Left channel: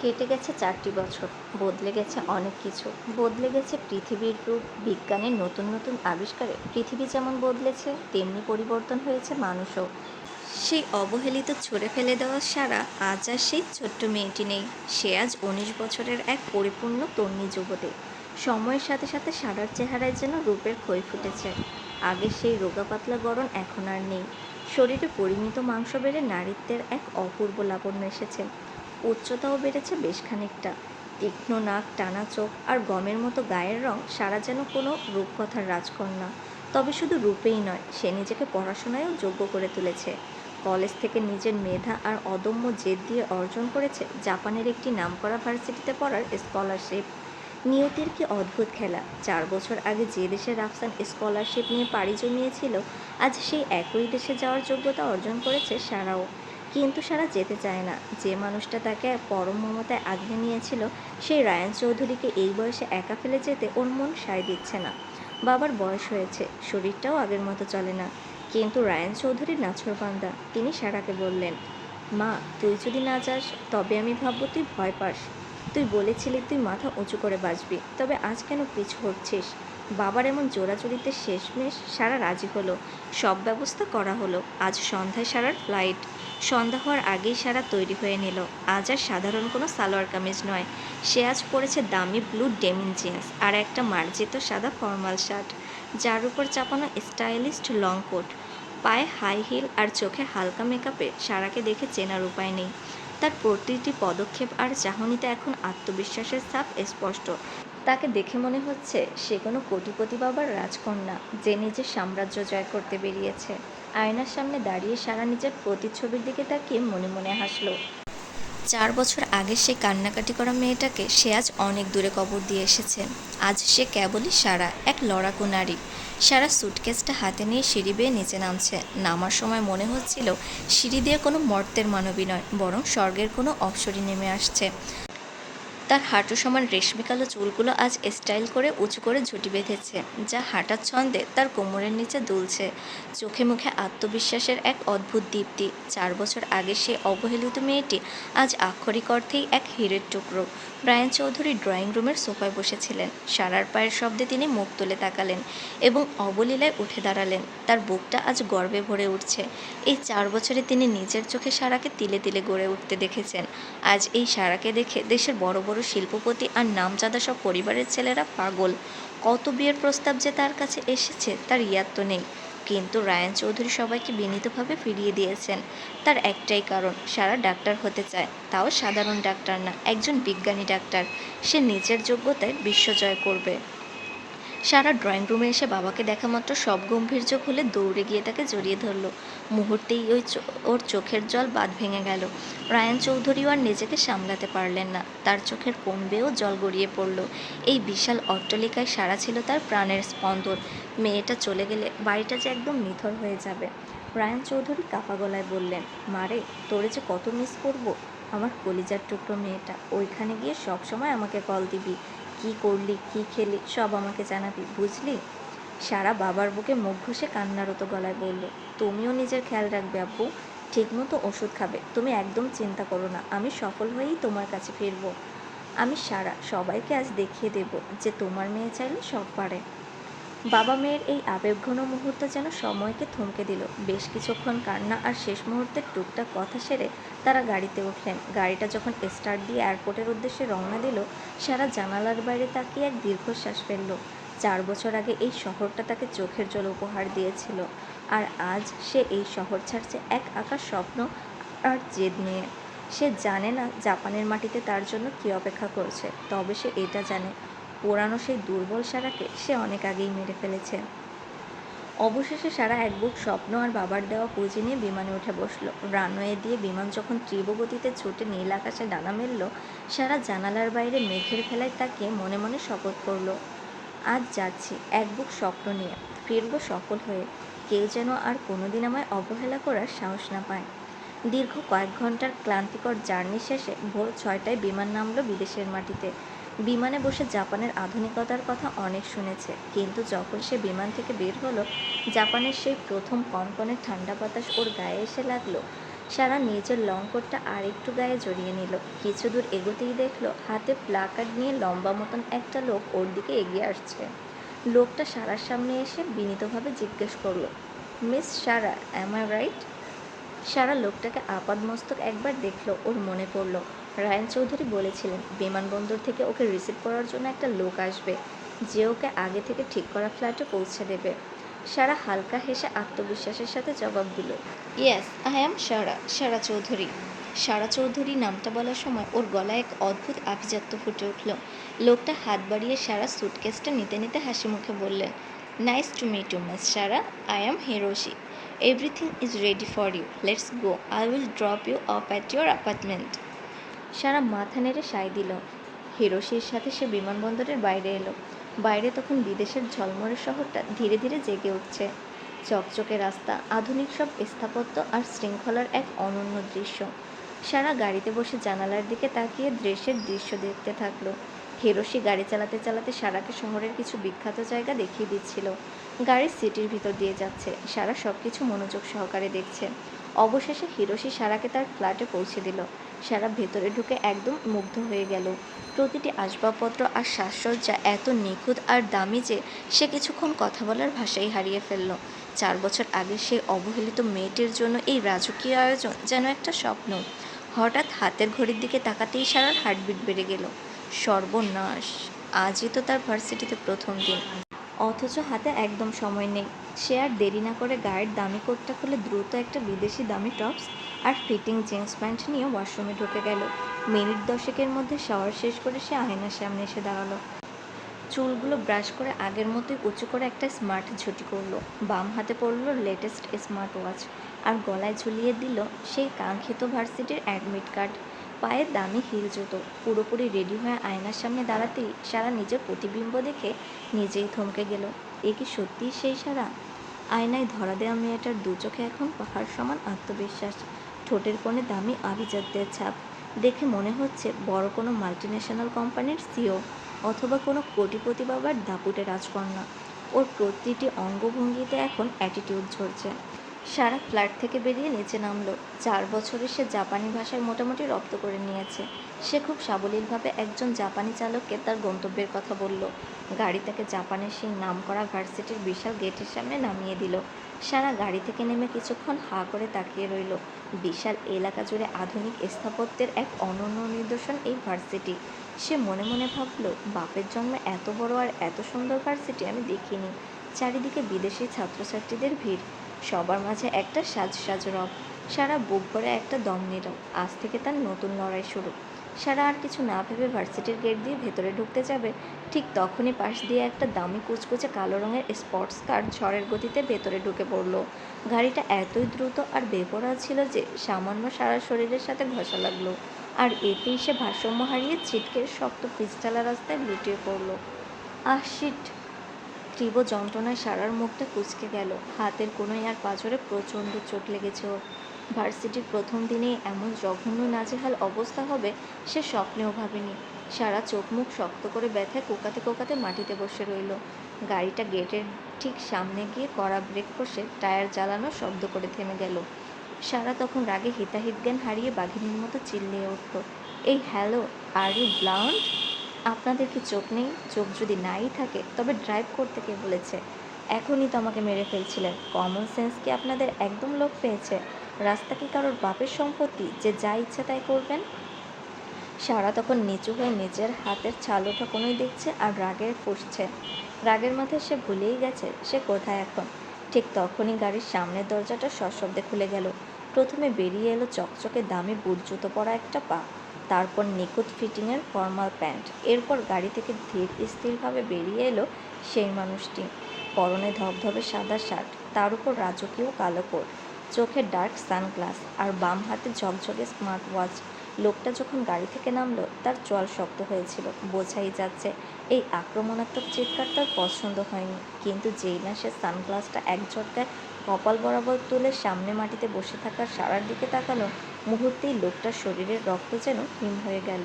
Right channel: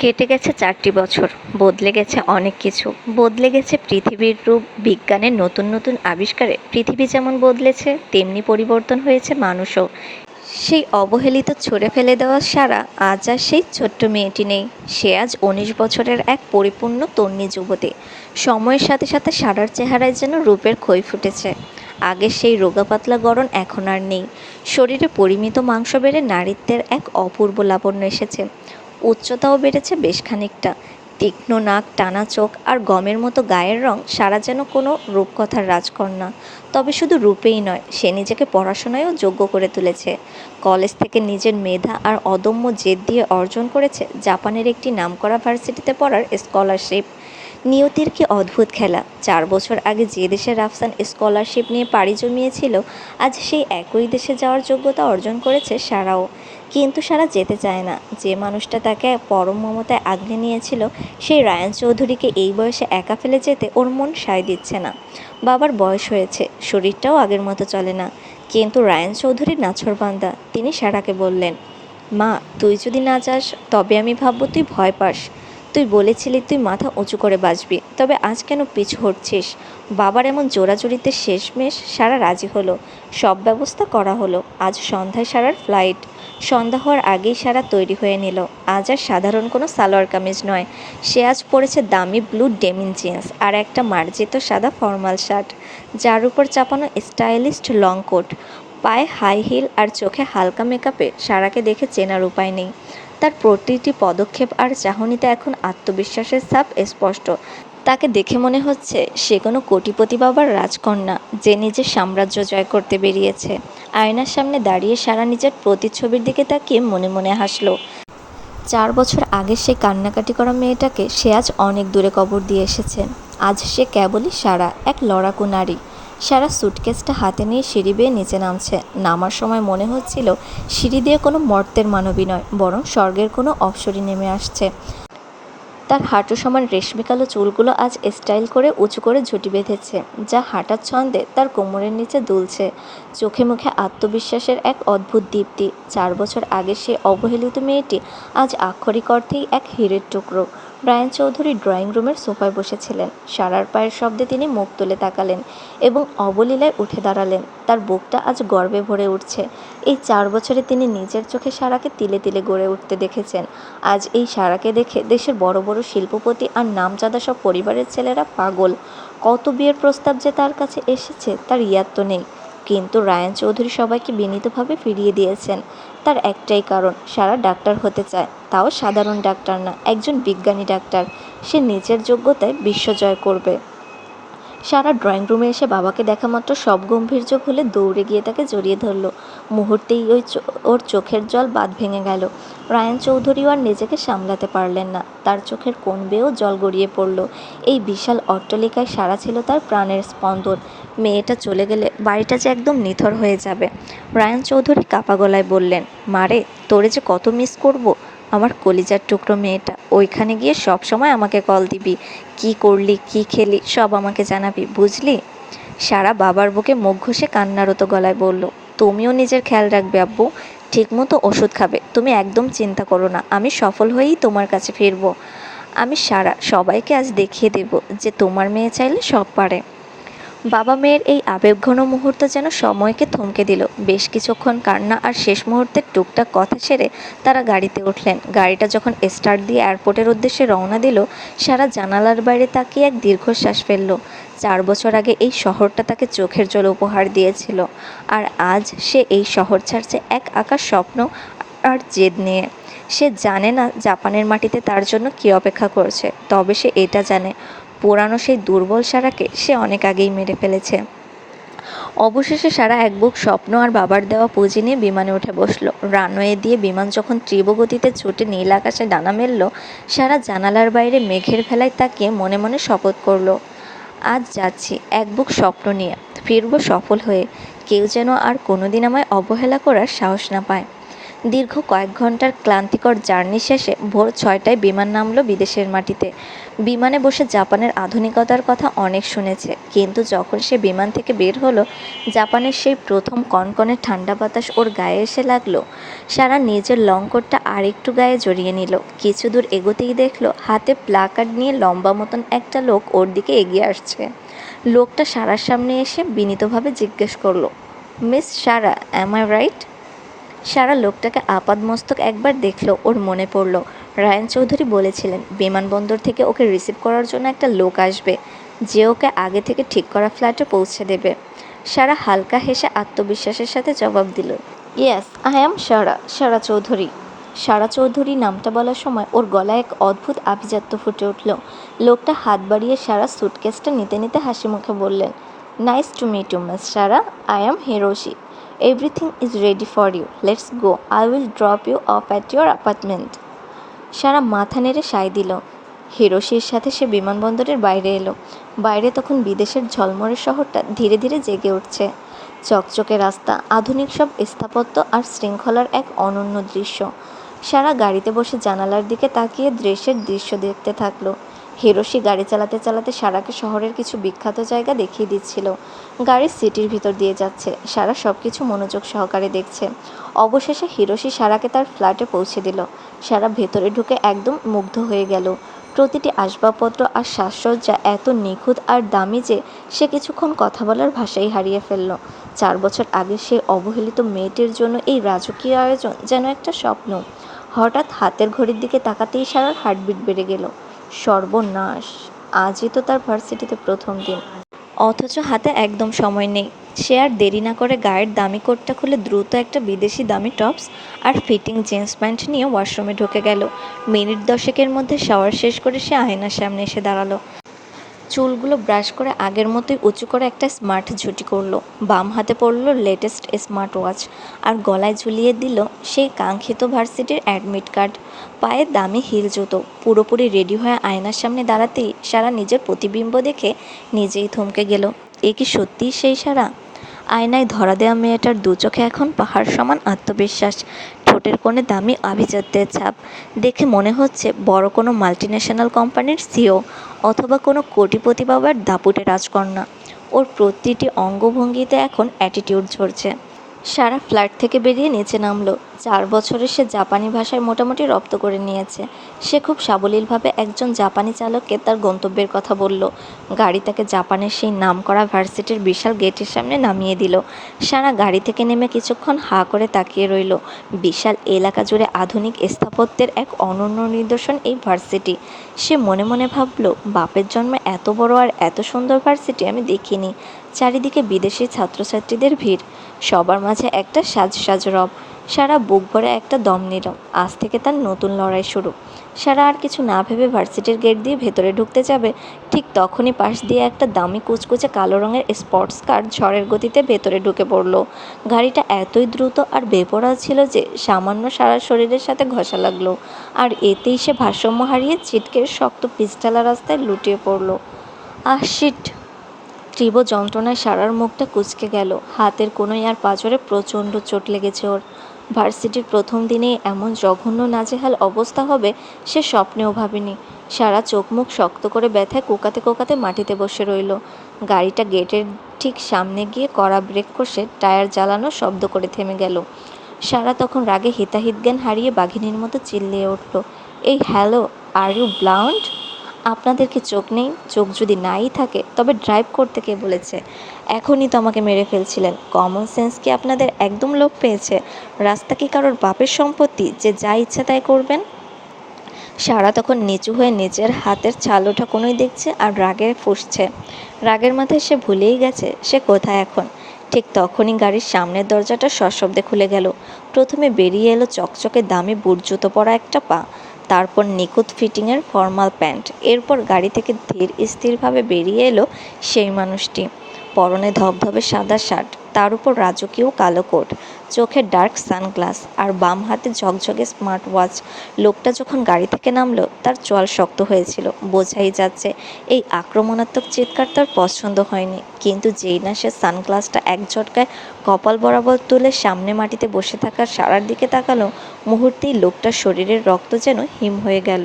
কেটে গেছে 4টি বছর, বদলে গেছে অনেক কিছু। বদলে গেছে পৃথিবীর রূপ, বিজ্ঞানের নতুন নতুন আবিষ্কারে পৃথিবী যেমন বদলেছে, তেমনি পরিবর্তন হয়েছে মানুষও। সেই অবহেলিত ছুঁড়ে ফেলে দেওয়া সারা আজ আর সেই ছোট্ট মেয়েটি নেই। সে আজ 19 বছরের এক পরিপূর্ণ তন্বী যুবতী। সময়ের সাথে সাথে সারার চেহারায় যেন রূপের ক্ষয় ফুটেছে। আগের সেই রোগা পাতলা গড়ন এখন আর নেই। শরীরে পরিমিত মাংস বেড়ে নারীত্বের এক অপূর্ব লাবণ্য এসেছে। উচ্চতাও বেড়েছে বেশ খানিকটা। তীক্ষ্ণ নাক, টানা চোখ আর গমের মতো গায়ের রং, সারা যেন কোনো রূপকথার রাজকন্যা। তবে শুধু রূপেই নয়, সে নিজেকে পড়াশোনায়ও যোগ্য করে তুলেছে। কলেজ থেকে নিজের মেধা আর অদম্য জেদ দিয়ে অর্জন করেছে জাপানের একটি নামকরা ভার্সিটিতে পড়ার স্কলারশিপ। নিয়তির কি অদ্ভুত খেলা! 4 বছর আগে যে দেশে রাফসান স্কলারশিপ নিয়ে পাড়ি জমিয়েছিল, আজ সেই একই দেশে যাওয়ার যোগ্যতা অর্জন করেছে সারাও। কিন্তু সারা যেতে চায় না। যে মানুষটা তাকে পরম মমতায় আগলে নিয়েছিল, সেই রায়ান চৌধুরীকে এই বয়সে একা ফেলে যেতে ওর মন সায় দিচ্ছে না। বাবার বয়স হয়েছে, শরীরটাও আগের মতো চলে না। কিন্তু রায়ান চৌধুরী নাছোড়বান্দা। তিনি সারাকে বললেন, মা, তুই যদি না যাস তবে আমি ভাববো তুই ভয় পাস। তুই বলেছিলি তুই মাথা উঁচু করে বাঁচবি, তবে আজ কেন পিছু হটছিস? বাবার এমন জোরাজুরিতে শেষমেশ সারা রাজি হলো। সব ব্যবস্থা করা হলো। আজ সন্ধ্যায় সারার ফ্লাইট। সন্ধ্যা হওয়ার আগেই সারা তৈরি হয়ে নিল। আজ আর সাধারণ কোনো সালোয়ার কামিজ নয়, সে আজ পরেছে দামি ব্লু ডেনিম জিন্স আর একটা মার্জিত সাদা ফর্মাল শার্ট, যার উপর চাপানো স্টাইলিশ লং কোট। পায়ে হাই হিল আর চোখে হালকা মেকআপে সারাকে দেখে চেনার উপায় নেই। তার প্রতিটি পদক্ষেপ আর চাহনিতে এখন আত্মবিশ্বাসের ছাপ স্পষ্ট। তাকে দেখে মনে হচ্ছে সে কোনো কোটিপতি বাবার রাজকন্যা, যে নিজের সাম্রাজ্য জয় করতে বেরিয়েছে। আয়নার সামনে দাঁড়িয়ে সারা নিজের প্রতিচ্ছবির দিকে তাকিয়ে মনে মনে হাসল। 4 বছর আগে সেই কান্নাকাটি করা মেয়েটাকে সে আজ অনেক দূরে কবর দিয়ে এসেছে। আজ সে কেবলই সারা, এক লড়াকু নারী। সারা সুটকেসটা হাতে নিয়ে সিঁড়ি বেয়ে নিচে নামছে। নামার সময় মনে হচ্ছিল সিঁড়ি দিয়ে কোনো মর্ত্যের মানবী নয়, বরং স্বর্গের কোনো অপ্সরী নেমে আসছে। তার হাঁটু সমান রেশমি কালো চুলগুলো আজ স্টাইল করে উঁচু করে ঝুঁটি বেঁধেছে, যা হাঁটার ছন্দে তার কোমরের নিচে দুলছে। চোখে মুখে আত্মবিশ্বাসের এক অদ্ভুত দীপ্তি। 4 বছর আগে সে অবহেলিত মেয়েটি আজ আক্ষরিক অর্থেই এক হীরের টুকরো। রায়ান চৌধুরী ড্রয়িং রুমের সোফায় বসেছিলেন। সারার পায়ের শব্দে তিনি মুখ তুলে তাকালেন এবং অবলীলায় উঠে দাঁড়ালেন। তার বুকটা আজ গর্বে ভরে উঠছে। এই 4 বছরে তিনি নিজের চোখে সারাকে তিলে তিলে গড়ে উঠতে দেখেছেন। আজ এই সারাকে দেখে দেশের বড় বড় শিল্পপতি আর নামজাদা সব পরিবারের ছেলেরা পাগল। কত বিয়ের প্রস্তাব যে তার কাছে এসেছে তার ইয়াদ তো নেই। কিন্তু রায়ান চৌধুরী সবাইকে বিনীতভাবে ফিরিয়ে দিয়েছেন। তার একটাই কারণ, সারা ডাক্তার হতে চায়, তাও সাধারণ ডাক্তার না, একজন বিজ্ঞানী ডাক্তার। সে নিজের যোগ্যতায় বিশ্ব জয় করবে। সারা ড্রয়িং রুমে এসে বাবাকে দেখা মাত্র সব গম্ভীর্য ভুলে দৌড়ে গিয়ে তাকে জড়িয়ে ধরল। মুহূর্তেই ওর চোখের জল বাঁধ ভেঙে গেল। রায়ান চৌধুরীও আর নিজেকে সামলাতে পারলেন না। তার চোখের কোণ বেয়েও জল গড়িয়ে পড়ল। এই বিশাল অট্টালিকায় সারা ছিল তার প্রাণের স্পন্দন। মেয়েটা চলে গেলে বাড়িটা যে একদম নিথর হয়ে যাবে। রায়ান চৌধুরী কাঁপা গলায় বললেন, মারে, তোরে যে কত মিস করব। আমার কলিজার টুকরো মেয়েটা, ওইখানে গিয়ে সব সময় আমাকে কল দিবি। কি করলি, কি খেলি, সব আমাকে জানাবি, বুঝলি? সারা বাবার বুকে মুখ ঘষে কান্নারত গলায় বলল, তুমিও নিজের খেয়াল রাখবে আব্বু। ঠিকমতো ওষুধ খাবে। তুমি একদম চিন্তা করো না, আমি সফল হয়েই তোমার কাছে ফিরব। আমি সারা, সবাইকে আজ দেখিয়ে দেব যে তোমার মেয়ে চাইলে সব পারে। বাবা মেয়ের এই আবেগঘন মুহূর্ত যেন সময়কে থমকে দিল। বেশ কিছুক্ষণ কান্না আর শেষ মুহূর্তের টুকটাক কথা সেরে তারা গাড়িতে উঠলেন। গাড়িটা যখন স্টার্ট দিয়ে এয়ারপোর্টের উদ্দেশ্যে রওনা দিল, সারা জানালার বাইরে তাকিয়ে এক দীর্ঘশ্বাস ফেলল। 4 বছর আগে এই শহরটা তাকে চোখের জল উপহার দিয়েছিল, আর আজ সে এই শহর ছাড়ছে এক আকাশ স্বপ্ন আর জেদ নিয়ে। সে জানে না জাপানের মাটিতে তার জন্য কী অপেক্ষা করছে, তবে সে এটা জানে, পুরানো সেই দুর্বল সারাকে সে অনেক আগেই মেরে ফেলেছে। অবশেষে সারা এক বুক স্বপ্ন আর বাবার দেওয়া পুঁজি নিয়ে বিমানে উঠে বসলো। রানওয়ে দিয়ে বিমান যখন তীব্র গতিতে ছুটে নীল আকাশে ডানা মেলল, সারা জানালার বাইরে মেঘের ভেলায় তাকিয়ে মনে মনে শপথ করলো, আজ যাচ্ছি এক বুক স্বপ্ন নিয়ে, ফিরব সফল হয়ে। কেউ যেন আর কোনোদিন আমায় অবহেলা করার সাহস না পায়। দীর্ঘ কয়েক ঘন্টার ক্লান্তিকর জার্নি শেষে ভোর 6টায় বিমান নামল বিদেশের মাটিতে। বিমানে বসে জাপানের আধুনিকতার কথা অনেক শুনেছে, কিন্তু যখন সে বিমান থেকে বের হলো, জাপানের সেই প্রথম কনকনে ঠান্ডা বাতাস ওর গায়ে এসে লাগলো। সারা নিজের লং কোটটা আর একটু গায়ে জড়িয়ে নিল। কিছু দূর এগোতেই দেখলো হাতে প্লাকার্ড নিয়ে লম্বা মতন একটা লোক ওর দিকে এগিয়ে আসছে। লোকটা সারার সামনে এসে বিনীতভাবে জিজ্ঞেস করলো, miss Sara, am I right? Sara লোকটাকে আপাদমস্তক একবার দেখলো। ওর মনে পড়ল রায়ান চৌধুরী বলেছিলেন বিমানবন্দর থেকে ওকে রিসিভ করার জন্য একটা লোক আসবে, যে ওকে আগে থেকে ঠিক করা ফ্ল্যাটে পৌঁছে দেবে। সারা হালকা হেসে আত্মবিশ্বাসের সাথে জবাব দিল, ইয়েস, আই অ্যাম সারা, সারা চৌধুরী। সারা চৌধুরী নামটা বলার সময় ওর গলায় এক অদ্ভুত আভিজাত্য ফুটে উঠল। লোকটা হাত বাড়িয়ে সারা স্যুটকেসটা নিতে নিতে হাসি মুখে বললেন, nice to meet you miss Sara, I am Hiroshi. Everything is ready for you, let's go, I will drop you off at your apartment. Sara মাথা নেড়ে সায় দিল। হিরোশির সাথে সে বিমানবন্দরের বাইরে এলো। বাইরে তখন বিদেশের ঝলমলে শহরটা ধীরে ধীরে জেগে উঠছে। চকচকে রাস্তা, আধুনিক সব স্থাপত্য আর শৃঙ্খলার এক অনন্য দৃশ্য। সারা গাড়িতে বসে জানালার দিকে তাকিয়ে দেশের দৃশ্য দেখতে থাকলো। হিরোশি গাড়ি চালাতে চালাতে সারাকে শহরের কিছু বিখ্যাত জায়গা দেখিয়ে দিচ্ছিল। গাড়ি সিটির ভিতর দিয়ে যাচ্ছে, সারা সব কিছু মনোযোগ সহকারে দেখছে। অবশেষে হিরোশি সারাকে তার ফ্ল্যাটে পৌঁছে দিল। সারা ভেতরে ঢুকে একদম মুগ্ধ হয়ে গেল। প্রতিটি আসবাবপত্র আর সাজসজ্জা এত নিখুঁত আর দামি যে সে কিছুক্ষণ কথা বলার ভাষাই হারিয়ে ফেলল। 4 বছর আগে সেই অবহেলিত মেয়েটির জন্য এই রাজকীয় আয়োজন যেন একটা স্বপ্ন। হঠাৎ হাতের ঘড়ির দিকে তাকাতেই সারার হার্টবিট বেড়ে গেল। সর্বনাশ, আজই তো তার ভার্সিটিতে প্রথম দিন, অথচ হাতে একদম সময় নেই। সে আর দেরি না করে গায়ের দামি কোটটা খুলে দ্রুত একটা বিদেশি দামি টপস আর ফিটিং জিন্স প্যান্ট নিয়ে ওয়াশরুমে ঢুকে গেল। মিনিট 10-এর মধ্যে শাওয়ার শেষ করে সে আয়নার সামনে এসে দাঁড়ালো। চুলগুলো ব্রাশ করে আগের মতোই উঁচু করে একটা স্মার্ট ঝুঁটি করলো। বাম হাতে পড়লো লেটেস্ট স্মার্ট ওয়াচ, আর গলায় ঝুলিয়ে দিল সেই কাঙ্ক্ষিত ভার্সিটির অ্যাডমিট কার্ড। পায়ে দামি হিল জুতো। পুরোপুরি রেডি হয়ে আয়নার সামনে দাঁড়াতেই সারা নিজের প্রতিবিম্ব দেখে নিজেই থমকে গেল। এ কি সত্যিই সেই সারা? আয়নায় ধরা দেওয়া মেয়েটার দু চোখে এখন পাহাড় সমান আত্মবিশ্বাস, ঠোঁটের কোণে দামি আভিজাত্যের ছাপ। দেখে মনে হচ্ছে বড় কোনো মাল্টিন্যাশনাল কোম্পানির সিও, অথবা কোনো কোটিপতি বাবার দাপুটে রাজকন্যা। ওর প্রতিটি অঙ্গভঙ্গিতে এখন অ্যাটিটিউড ঝরছে। সারা ফ্ল্যাট থেকে বেরিয়ে নিচে নামলো। 4 বছরে সে জাপানি ভাষায় মোটামুটি রপ্ত করে নিয়েছে। সে খুব সাবলীলভাবে একজন জাপানি চালককে তার গন্তব্যের কথা বলল। গাড়ি তাকে জাপানের সেই নামকরা ভার্সিটির বিশাল গেটের সামনে নামিয়ে দিল। সারা গাড়ি থেকে নেমে কিছুক্ষণ হাঁ করে তাকিয়ে রইল। বিশাল এলাকা জুড়ে আধুনিক স্থাপত্যের এক অনন্য নিদর্শন এই ভার্সিটি। সে মনে মনে ভাবল, বাপের জন্মে এত বড় আর এত সুন্দর ভার্সিটি আমি দেখিনি। চারিদিকে বিদেশি ছাত্রছাত্রীদের ভিড়, সবার মাঝে একটা সাজ রব। সারা বুক ভরে একটা দম নিল। আজ থেকে তার নতুন লড়াই শুরু। সারা আর কিছু না ভেবে ভার্সিটির গেট দিয়ে ভেতরে ঢুকতে যাবে, ঠিক তখনই পাশ দিয়ে একটা দামি কুচকুচে কালো রঙের স্পোর্টস কার ঝড়ের গতিতে ভেতরে ঢুকে পড়ল। গাড়িটা এতই দ্রুত আর বেপরোয়া ছিল যে সামান্য সারা শরীরের সাথে ঘষা লাগলো, আর এতেই সে ভারসাম্য হারিয়ে ছিটকে শক্ত পিচঢালা রাস্তায় লুটিয়ে পড়ল। আহ শিট! তীব্র যন্ত্রণায় সারার মুখটা কুঁচকে গেল। হাতের কোনোই আর পাঁজরে প্রচণ্ড চোট লেগেছে ওর। ভার্সিটির প্রথম দিনেই এমন জঘন্য নাজেহাল অবস্থা হবে সে স্বপ্নেও ভাবেনি। সারা চোখ মুখ শক্ত করে ব্যথায় কোকাতে কোকাতে মাটিতে বসে রইল। গাড়িটা গেটের ঠিক সামনে গিয়ে কড়া ব্রেক কষে টায়ার জ্বালানোর শব্দ করে থেমে গেল। সারা তখন রাগে হিতাহিত জ্ঞান হারিয়ে বাঘিনীর মতো চিল্লিয়ে উঠল, এই হ্যালো, আর ইউ ব্লাউন্ড? আপনাদের কি চোখ নেই? চোখ যদি নাই থাকে তবে ড্রাইভ করতে কে বলেছে? এখনই তো আমাকে মেরে ফেলছিলেন। কমন সেন্স কি আপনাদের একদম লোপ পেয়েছে? রাস্তা কি কারোর বাপের সম্পত্তি যে যা ইচ্ছা তাই করবেন? সারা তখন নিচু হয়ে নিজের হাতের ছাল ওঠা কোনোই দেখছে আর রাগে ফুঁসছে। রাগের মাথায় সে ভুলেই গেছে সে কোথায় এখন। ঠিক তখনই গাড়ির সামনের দরজাটা সশব্দে খুলে গেল। প্রথমে বেরিয়ে এলো চকচকে দামি বুট জুতো পরা একটা পা, তারপর নিখুঁত ফিটিংয়ের ফর্মাল প্যান্ট। এরপর গাড়ি থেকে ধীর স্থিরভাবে বেরিয়ে এলো সেই মানুষটি। পরনে ধবধবে সাদা শার্ট, তার উপর রাজকীয় কালো কোট, চোখে ডার্ক সানগ্লাস আর বাম হাতে ঝকঝকে স্মার্ট ওয়াচ। লোকটা যখন গাড়ি থেকে নামলো তার চোয়াল শক্ত হয়েছিল। বোঝাই যাচ্ছে এই আক্রমণাত্মক চিৎকার তার পছন্দ হয়নি। কিন্তু যেই না সে সানগ্লাসটা এক ঝটকায় কপাল বরাবর তুলে সামনে মাটিতে বসে থাকা সারার দিকে তাকালো, মুহূর্তেই লোকটার শরীরের রক্ত যেন হিম হয়ে গেল।